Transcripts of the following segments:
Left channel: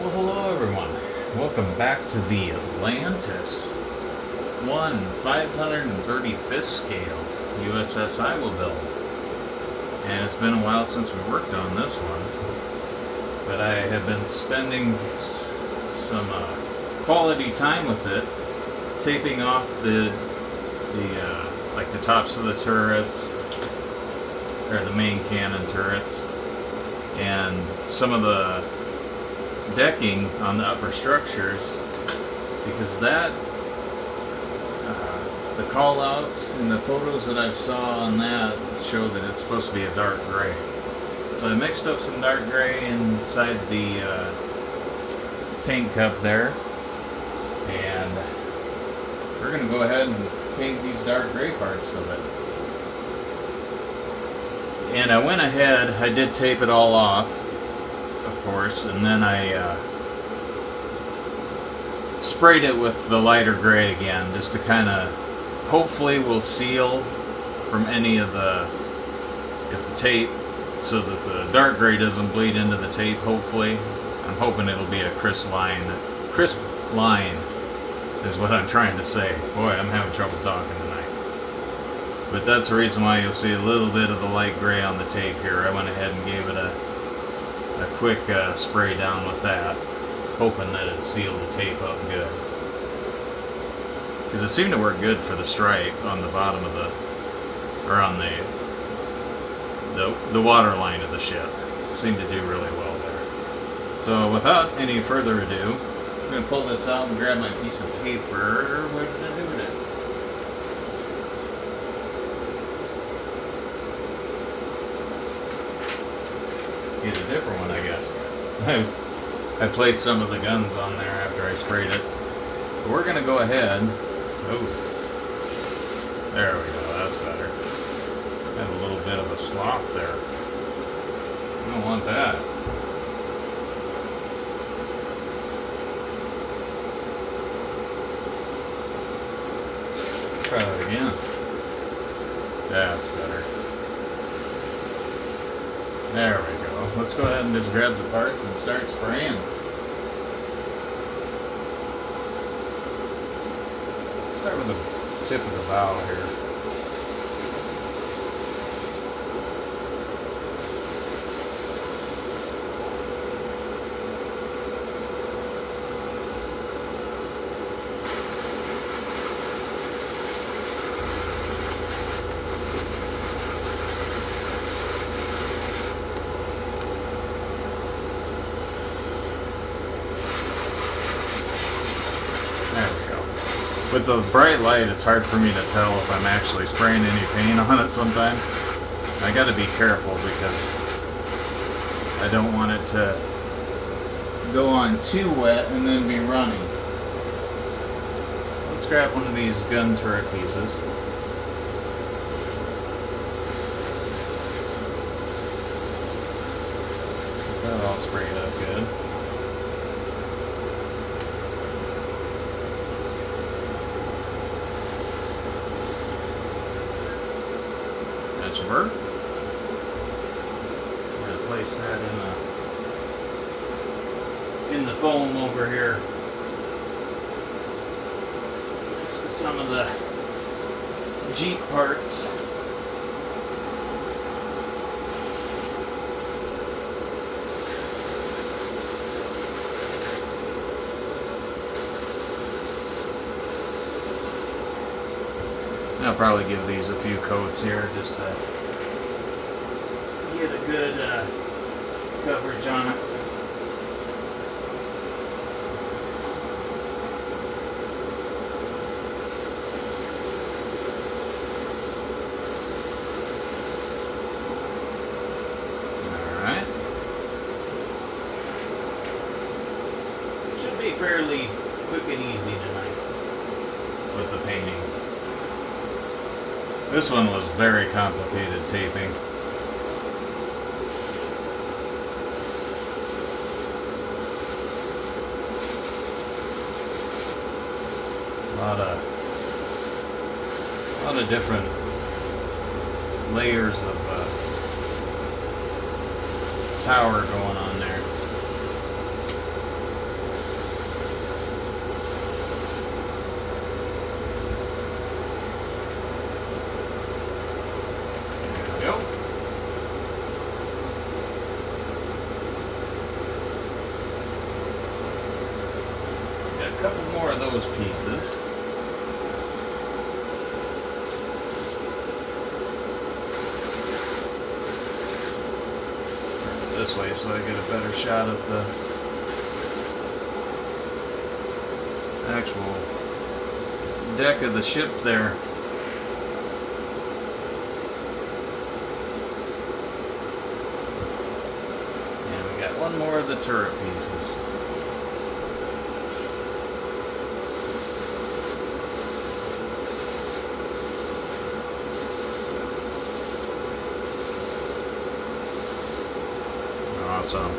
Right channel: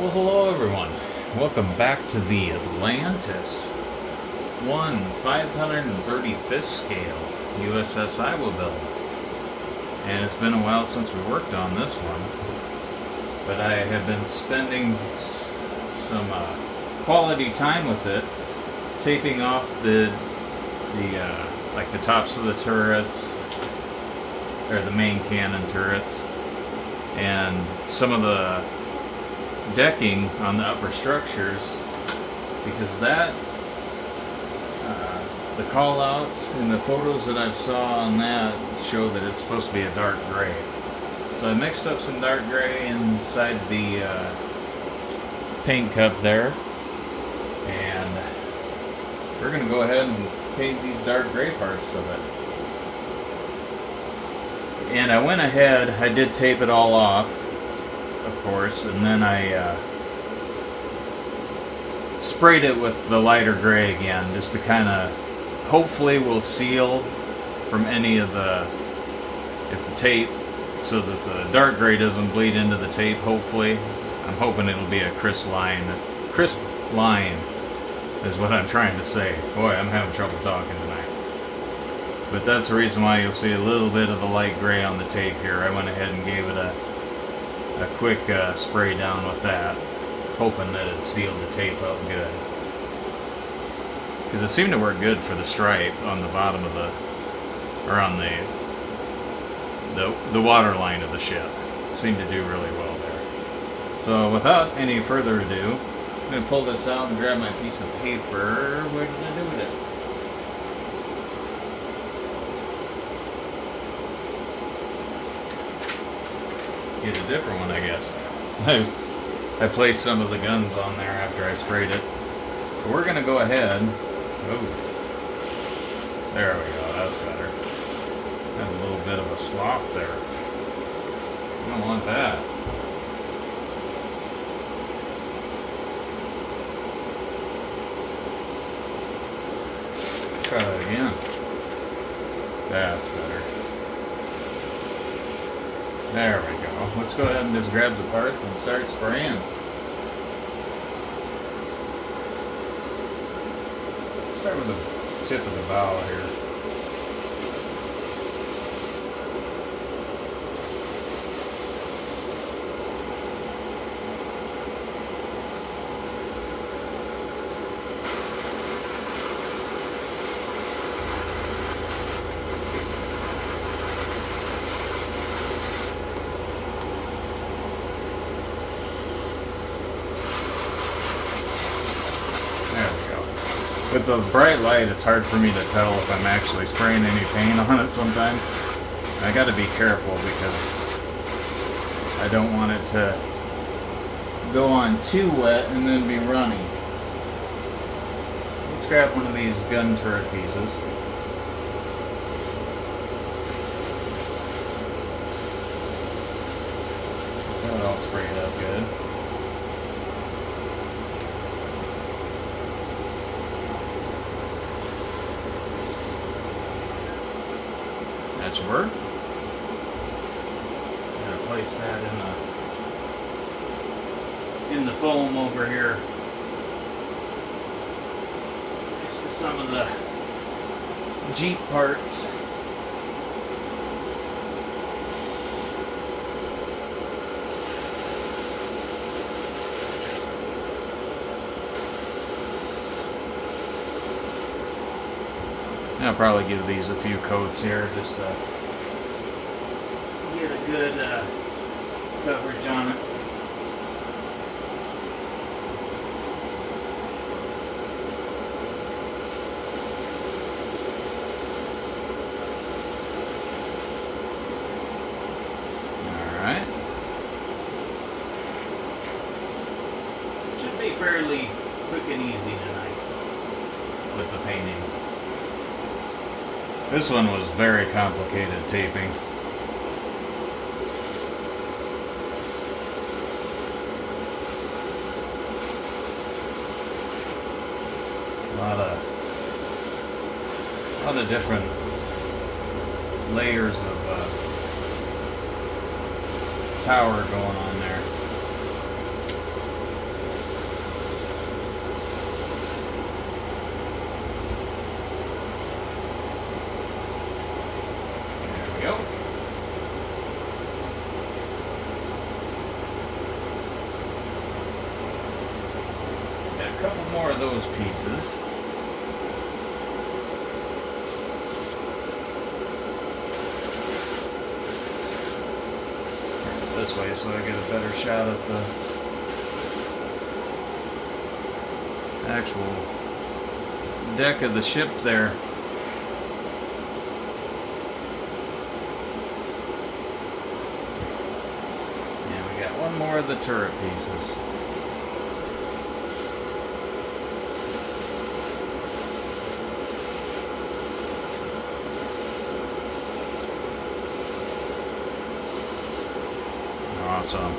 Well, hello everyone. Welcome back to the Atlantis 535th scale USS Iowa build. And it's been a while since we worked on this one, but I have been spending some quality time with it, taping off the like the tops of the turrets, or the main cannon turrets, and some of the decking on the upper structures, because that the call out and the photos that I've saw on that show that it's supposed to be a dark gray. So I mixed up some dark gray inside the paint cup there, and we're going to go ahead and paint these dark gray parts of it. And I went ahead, I did tape it all off, of course, and then I sprayed it with the lighter gray again, just to kind of, hopefully will seal from any of the tape, so that the dark gray doesn't bleed into the tape. Hopefully, I'm hoping it'll be a crisp line is what I'm trying to say. Boy, I'm having trouble talking tonight. But that's the reason why you'll see a little bit of the light gray on the tape here. I went ahead and gave it a quick spray down with that, hoping that it sealed the tape up good. Because it seemed to work good for the stripe on the bottom of or on the water line of the ship. It seemed to do really well there. So without any further ado, I'm going to pull this out and grab my piece of paper. What are we going to do with it? Get a different one, I guess. I placed some of the guns on there after I sprayed it. We're going to go ahead. Oh, there we go. That's better. Had a little bit of a slop there. I don't want that. Try that again. That's better. There we go. Let's go ahead and just grab the parts and start spraying. Start with the tip of the bow here. With the bright light, it's hard for me to tell if I'm actually spraying any paint on it sometimes. I gotta be careful because I don't want it to go on too wet and then be running. So let's grab one of these gun turret pieces. That all sprayed up good. That should work. I'm going to place that in the foam over here next to some of the Jeep parts. I'll probably give these a few coats here just to get a good coverage on it. Alright. Should be fairly quick and easy tonight with the painting. This one was very complicated taping. A lot of different layers of tower going on there. couple more of those pieces. This way so I get a better shot at the actual deck of the ship there. And we got one more of the turret pieces. Awesome.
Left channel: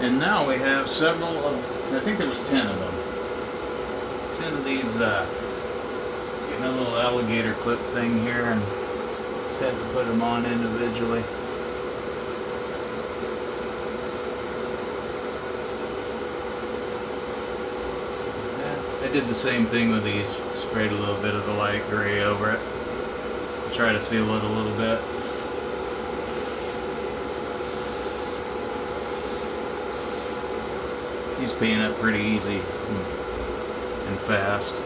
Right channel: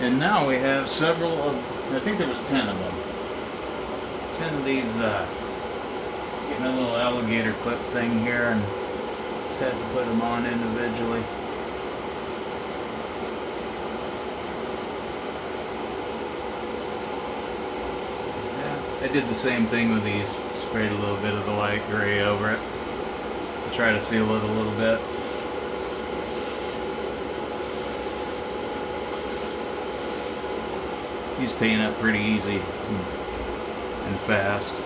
And now we have several of, I think there was 10 of them. 10 of these, a little alligator clip thing here, and just had to put them on individually. Yeah, I did the same thing with these. Sprayed a little bit of the light gray over it. Try to seal it a little bit. These paint up pretty easy and fast.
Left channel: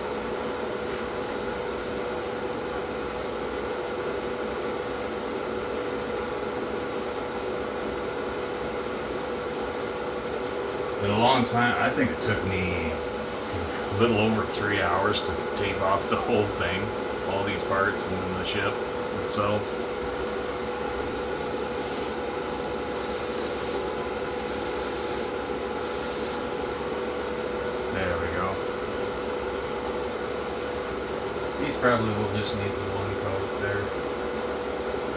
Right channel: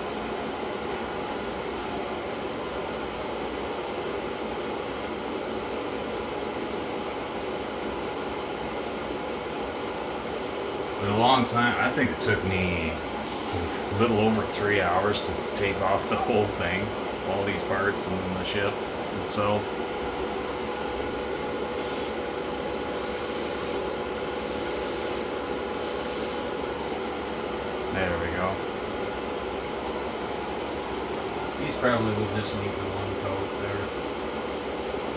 But a long time, I think it took me a little over 3 hours to take off the whole thing, all these parts and the ship itself. There we go. These probably will just need the one coat there.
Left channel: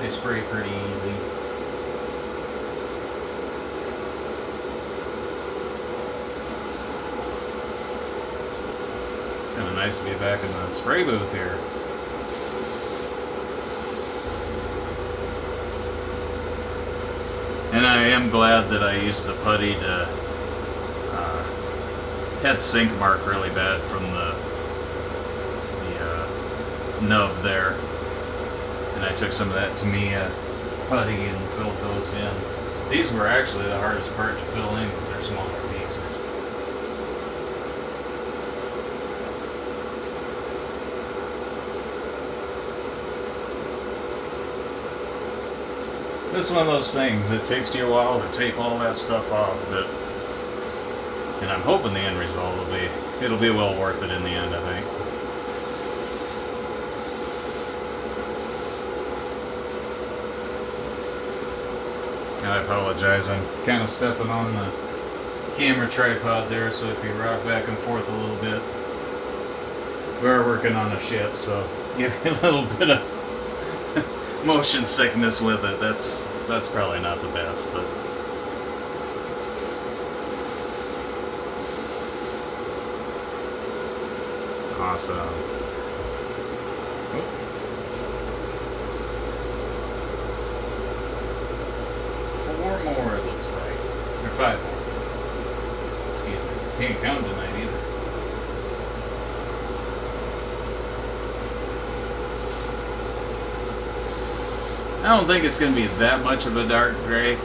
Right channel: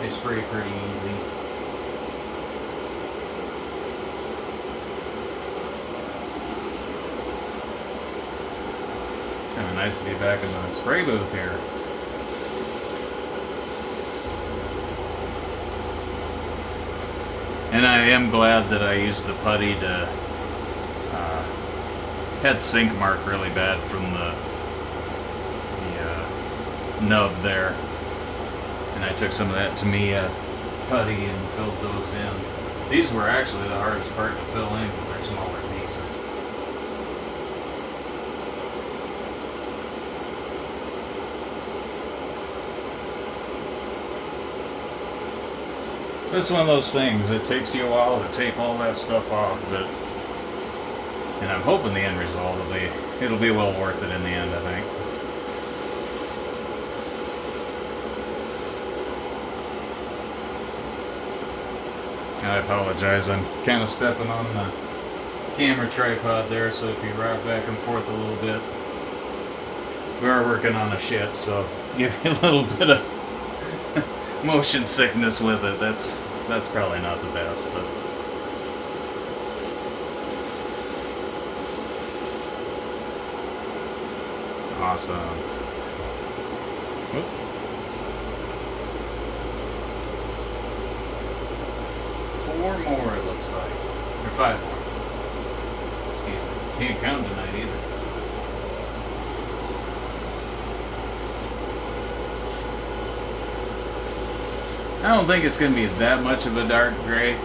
They spray pretty easy. Kind of nice to be back in the spray booth here. And I am glad that I used the putty to had sink mark really bad from the nub there, and I took some of that Tamiya putty and filled those in. These were actually the hardest part to fill in because they're smaller pieces. It's one of those things, it takes you a while to tape all that stuff off, but and I'm hoping the end result it'll be well worth it in the end, I think. And I apologize, I'm kind of stepping on the camera tripod there, so if you rock back and forth a little bit, we are working on a ship, so give you a little bit of motion sickness with it. That's probably not the best, but awesome. Four more, it looks like. Or 5 more. Excuse me. Can't count tonight either. I don't think it's going to be that much of a dark gray.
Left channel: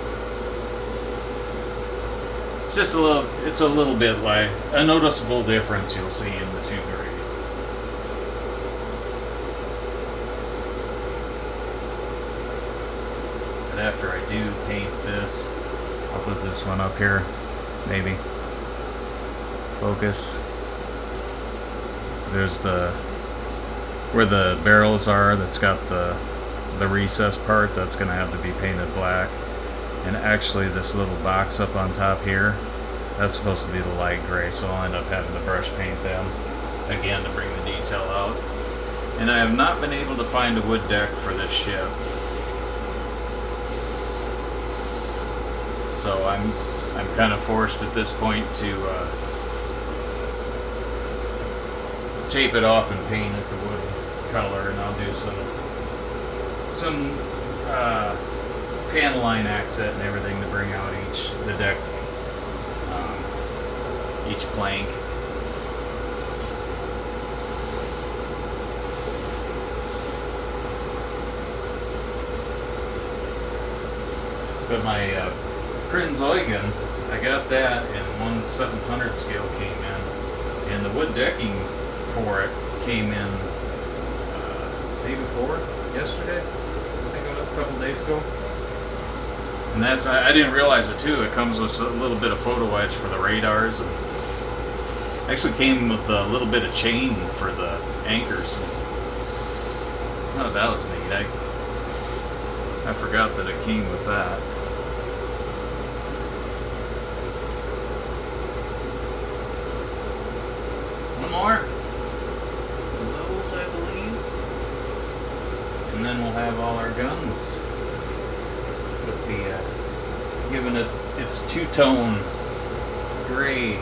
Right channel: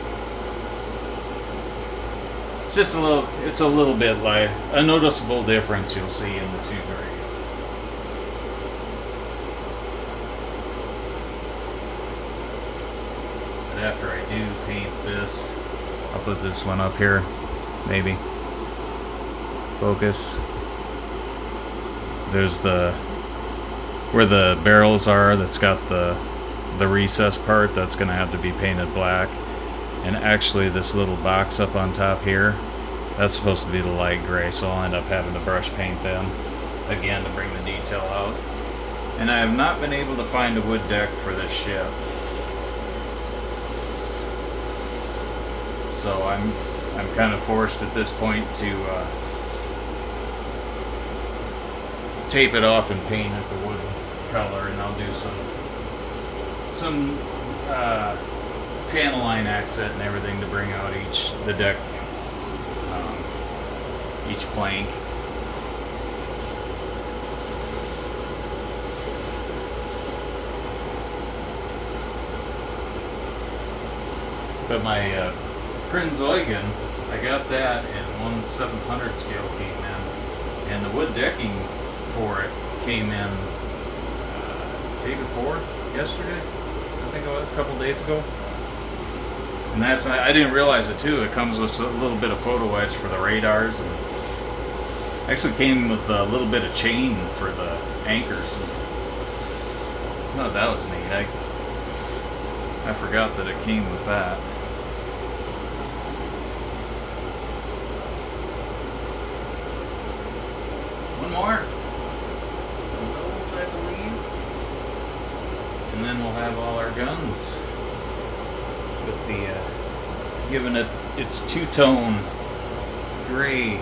It's just it's a little bit like a noticeable difference you'll see in the two grays. And after I do paint this, I'll put this one up here, maybe. Focus. There's where the barrels are, that's got the recess part, that's going to have to be painted black. And actually this little box up on top here, that's supposed to be the light gray, so I'll end up having to brush paint them again to bring the detail out. And I have not been able to find a wood deck for this ship, so I'm kind of forced at this point to tape it off and paint it the wood color, and I'll do some panel line accent and everything to bring out the deck, each plank. But my Prinzeugen, I got that and 1/700 scale came in, and the wood decking for it came in day before yesterday. I think it was a couple days ago. And that's, I didn't realize it too. It comes with a little bit of photo etch for the radars, and actually came with a little bit of chain for the anchors. Oh, that was neat. I forgot that it came with that. One more. Those, I believe. And then we'll have all our guns with the giving it its two-tone gray.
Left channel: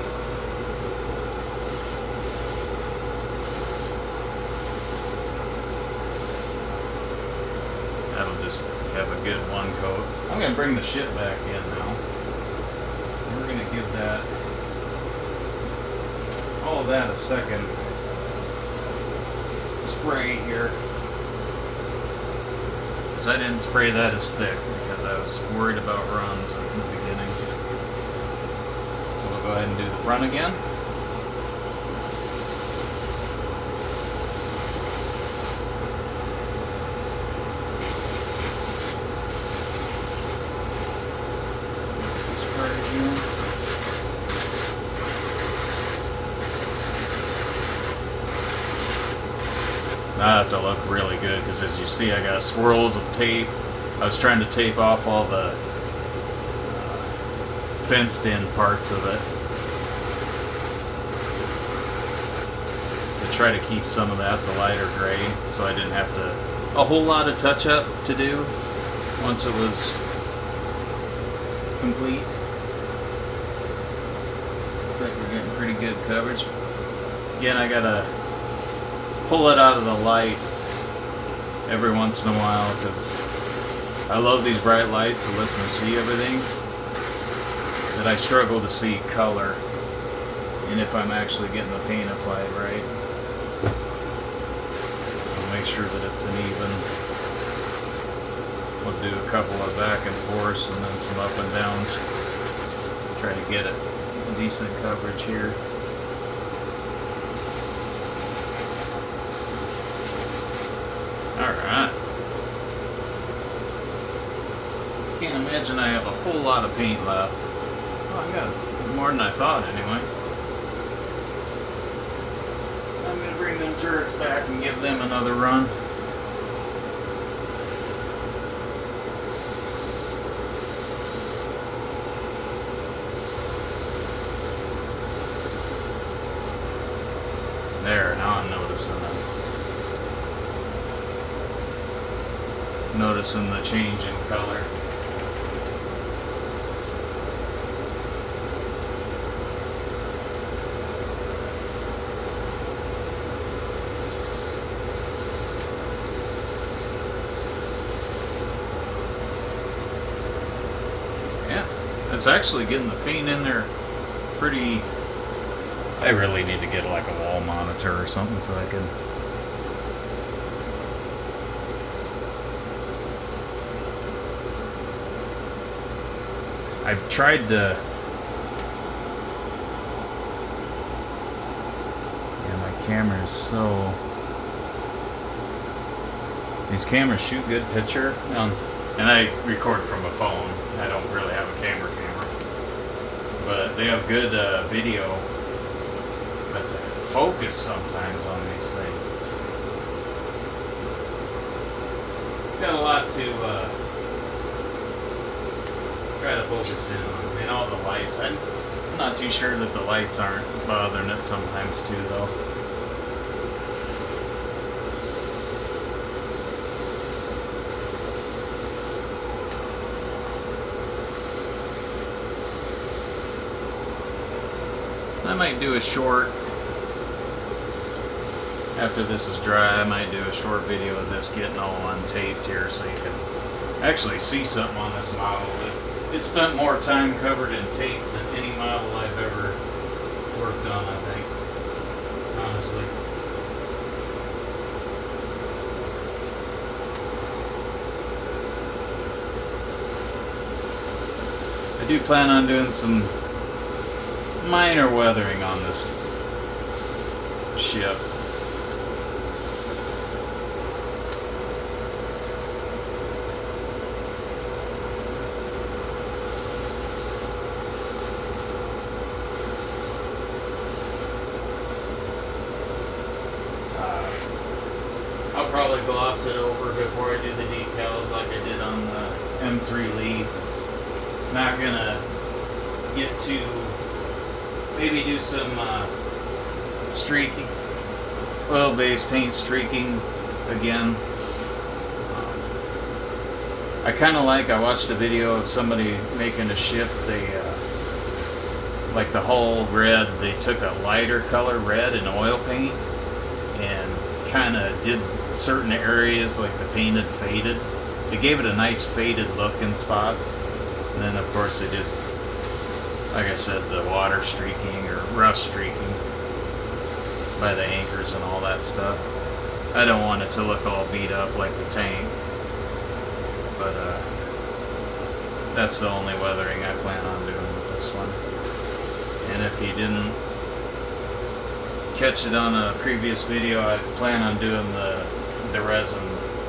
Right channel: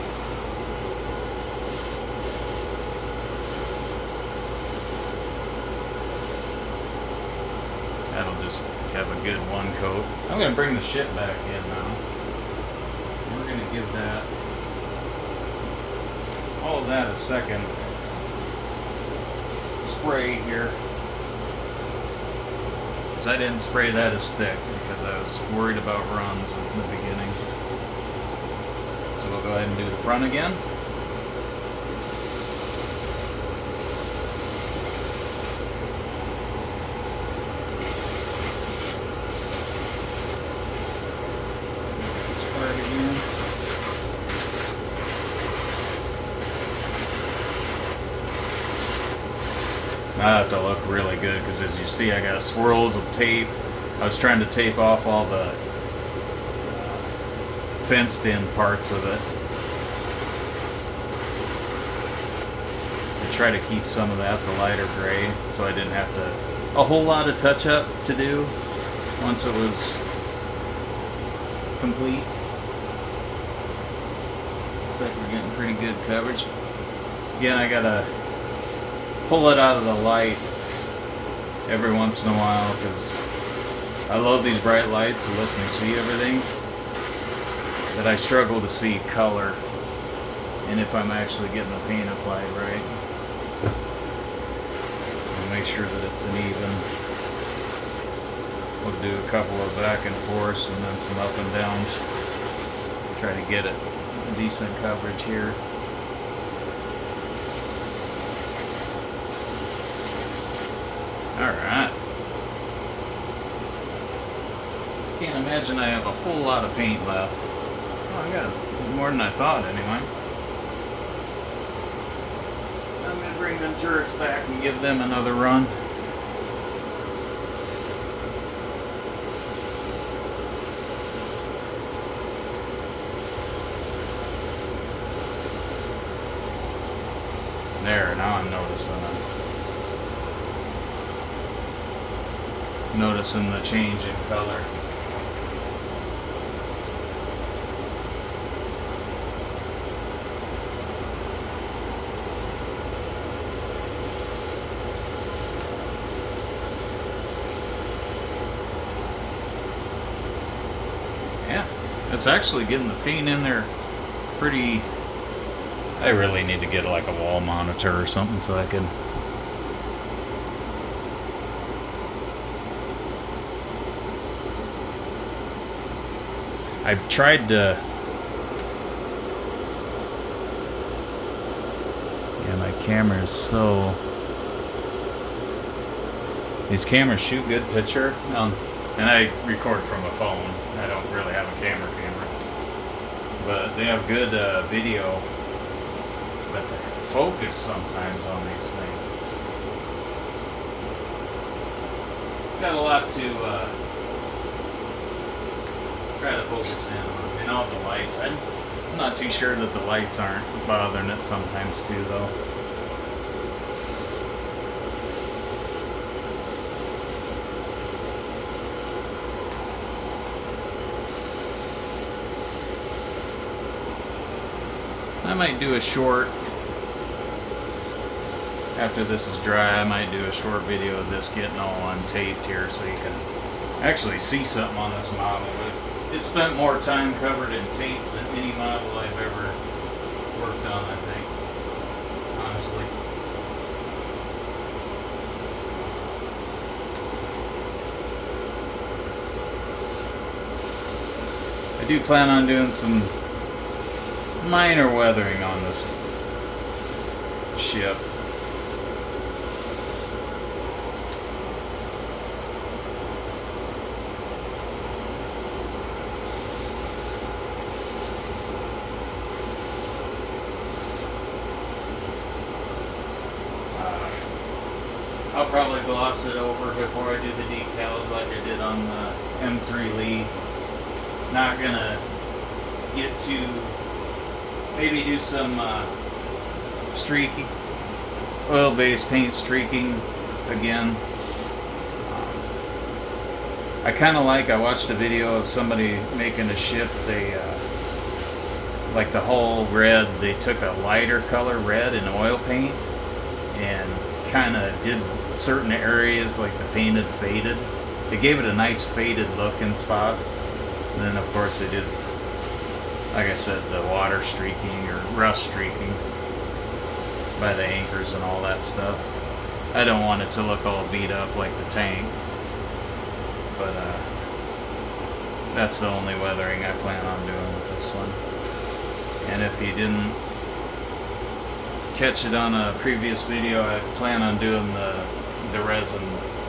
That'll just have a good one coat. I'm going to bring the ship back in now. And we're going to give that all of that a second spray here. Because I didn't spray that as thick because I was worried about runs in the beginning. So we'll go ahead and do the front again. I have to look really good because, as you see, I got swirls of tape. I was trying to tape off all the fenced-in parts of it to try to keep some of that the lighter gray, so I didn't have a whole lot of touch-up to do once it was complete. Looks like we're getting pretty good coverage. Again, I gotta pull it out of the light every once in a while because I love these bright lights. It lets me see everything, but I struggle to see color and if I'm actually getting the paint applied right. I'll make sure that it's an even. We'll do a couple of back and forths and then some up and downs. Try to get it decent coverage here. Alright. Can't imagine I have a whole lot of paint left. Oh, I got more than I thought anyway. I'm going to bring them turrets back and give them another run. There, now I'm noticing them. Noticing the change in color. Yeah, it's actually getting the paint in there pretty. I really need to get like a wall monitor or something so I can I've tried to. Yeah, my camera is so. These cameras shoot good picture, and I record from a phone. I don't really have a camera, but they have good video. But the focus sometimes on these things. It's got a lot to. Try to focus in on, and all the lights. I'm not too sure that the lights aren't bothering it sometimes too, though. I might do a short, after this is dry, I might do a short video of this getting all untaped here so you can actually see something on this model. It spent more time covered in tape than any model I've ever worked on, I think, honestly. do plan on doing some minor weathering on this ship. I'll probably gloss it over before I do the decals like I did on the M3 Lee. Not gonna get to maybe do some streaking, oil-based paint streaking again. I kind of I watched a video of somebody making a ship. They like the hull red. They took a lighter color red and oil paint and kind of did certain areas like the painted faded. They gave it a nice faded look in spots. And then of course they did, like I said, the water streaking or rust streaking by the anchors and all that stuff. I don't want it to look all beat up like the tank, but that's the only weathering I plan on doing with this one. And if you didn't catch it on a previous video, I plan on doing the resin,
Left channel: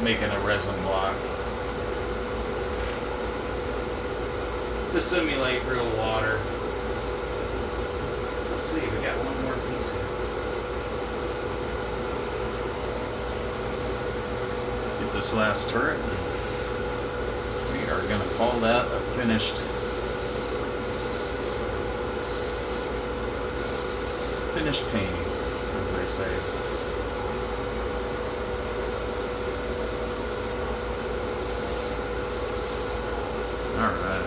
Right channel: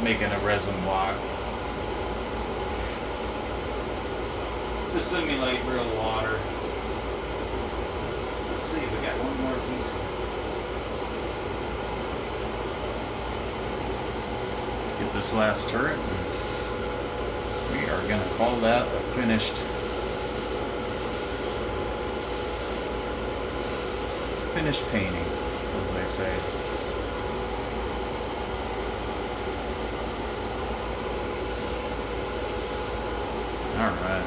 making a resin block to simulate real water. Let's see, we got one more piece here. Get this last turret. We are going to call that a finished painting, as they say. Alright.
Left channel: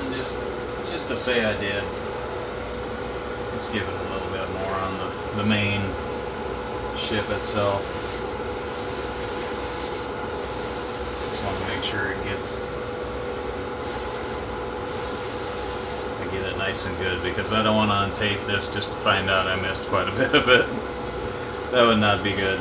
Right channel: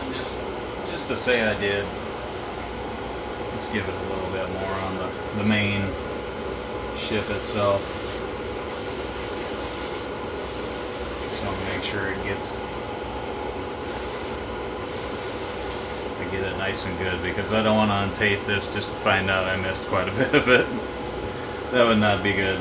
And just to say I did, let's give it a little bit more on the main ship itself. Make sure it gets, I get it nice and good, because I don't want to untape this just to find out I missed quite a bit of it. That would not be good.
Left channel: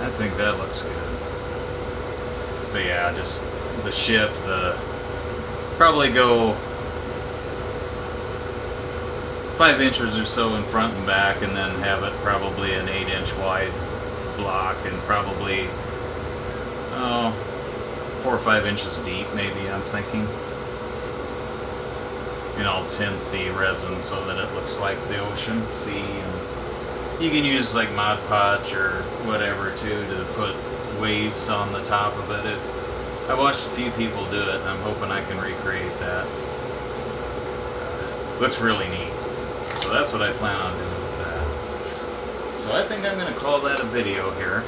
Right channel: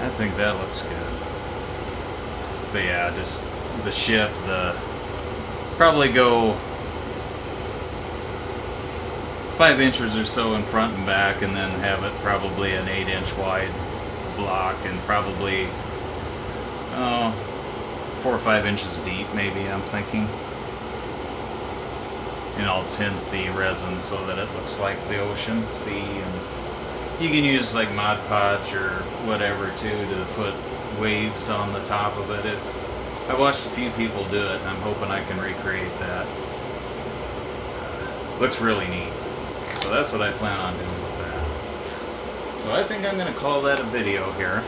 I think that looks good. But yeah, just the ship, probably go 5 inches or so in front and back, and then have it probably an 8-inch wide block, and probably 4 or 5 inches deep, maybe, I'm thinking. And I'll tint the resin so that it looks like the ocean, sea, and you can use like Mod Podge or whatever too to put waves on the top of it. I watched a few people do it, and I'm hoping I can recreate that. Looks really neat. So that's what I plan on doing with that. So I think I'm going to call that a video here,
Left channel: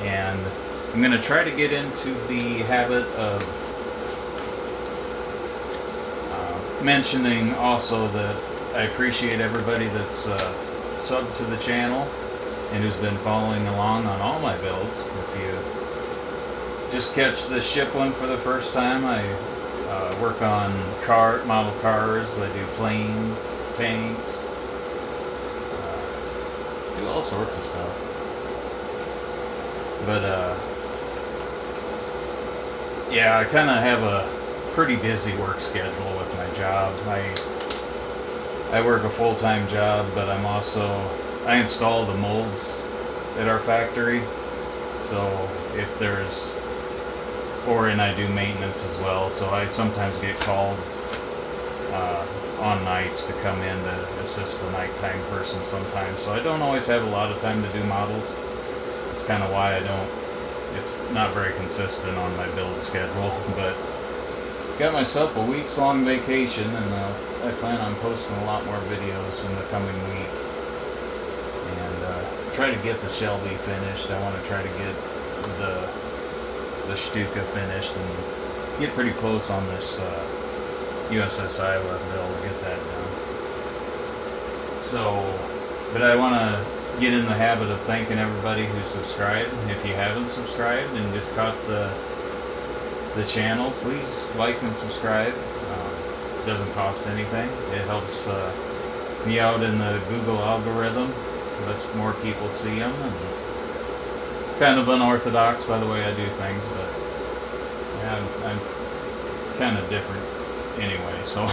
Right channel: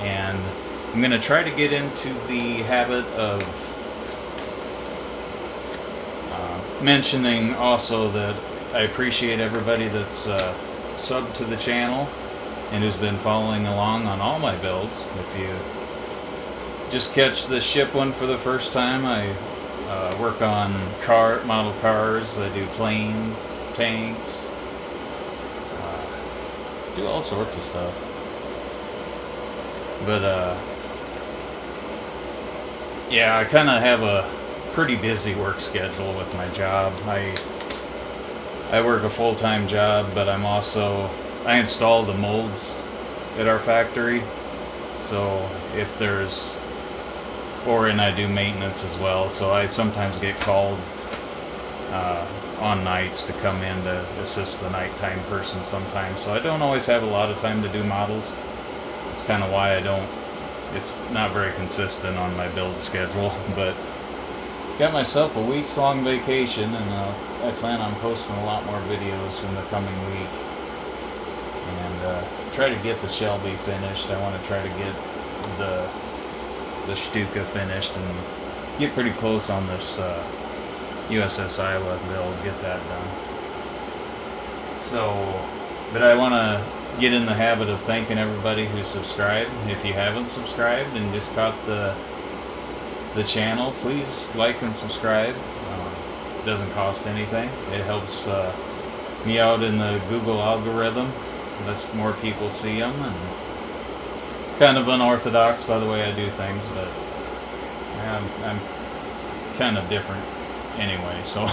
and I'm going to try to get into the habit of mentioning also that I appreciate everybody that's subbed to the channel and who's been following along on all my builds. If you just catch the ship one for the first time, I work on model cars, I do planes, tanks, do all sorts of stuff. But yeah, I kind of have a pretty busy work schedule with my job. I work a full-time job, but I install the molds at our factory. So if there's, and I do maintenance as well. So I sometimes get called on nights to come in to assist the nighttime person sometimes. So I don't always have a lot of time to do models. It's kind of why it's not very consistent on my build schedule, but got myself a week's-long vacation, and I plan on posting a lot more videos in the coming week, and try to get the Shelby finished. I want to try to get the Stuka finished and get pretty close on this USS Iowa build, get that done. So, but I want to get in the habit of thanking everybody who subscribed. If you haven't subscribed and just caught the channel, please like and subscribe. It doesn't cost anything. It helps me out in the Google algorithm. Lets more people see them. And kind of unorthodox by the way I do things, but I'm kind of different anyway, so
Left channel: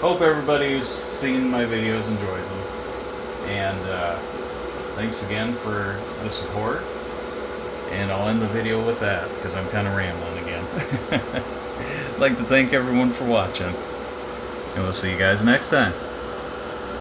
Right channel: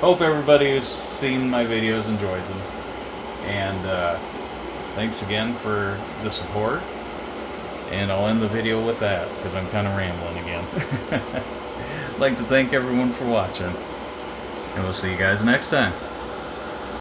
hope everybody who's seen my videos enjoys them. And thanks again for the support. And I'll end the video with that because I'm kind of rambling again. I'd like to thank everyone for watching. And we'll see you guys next time.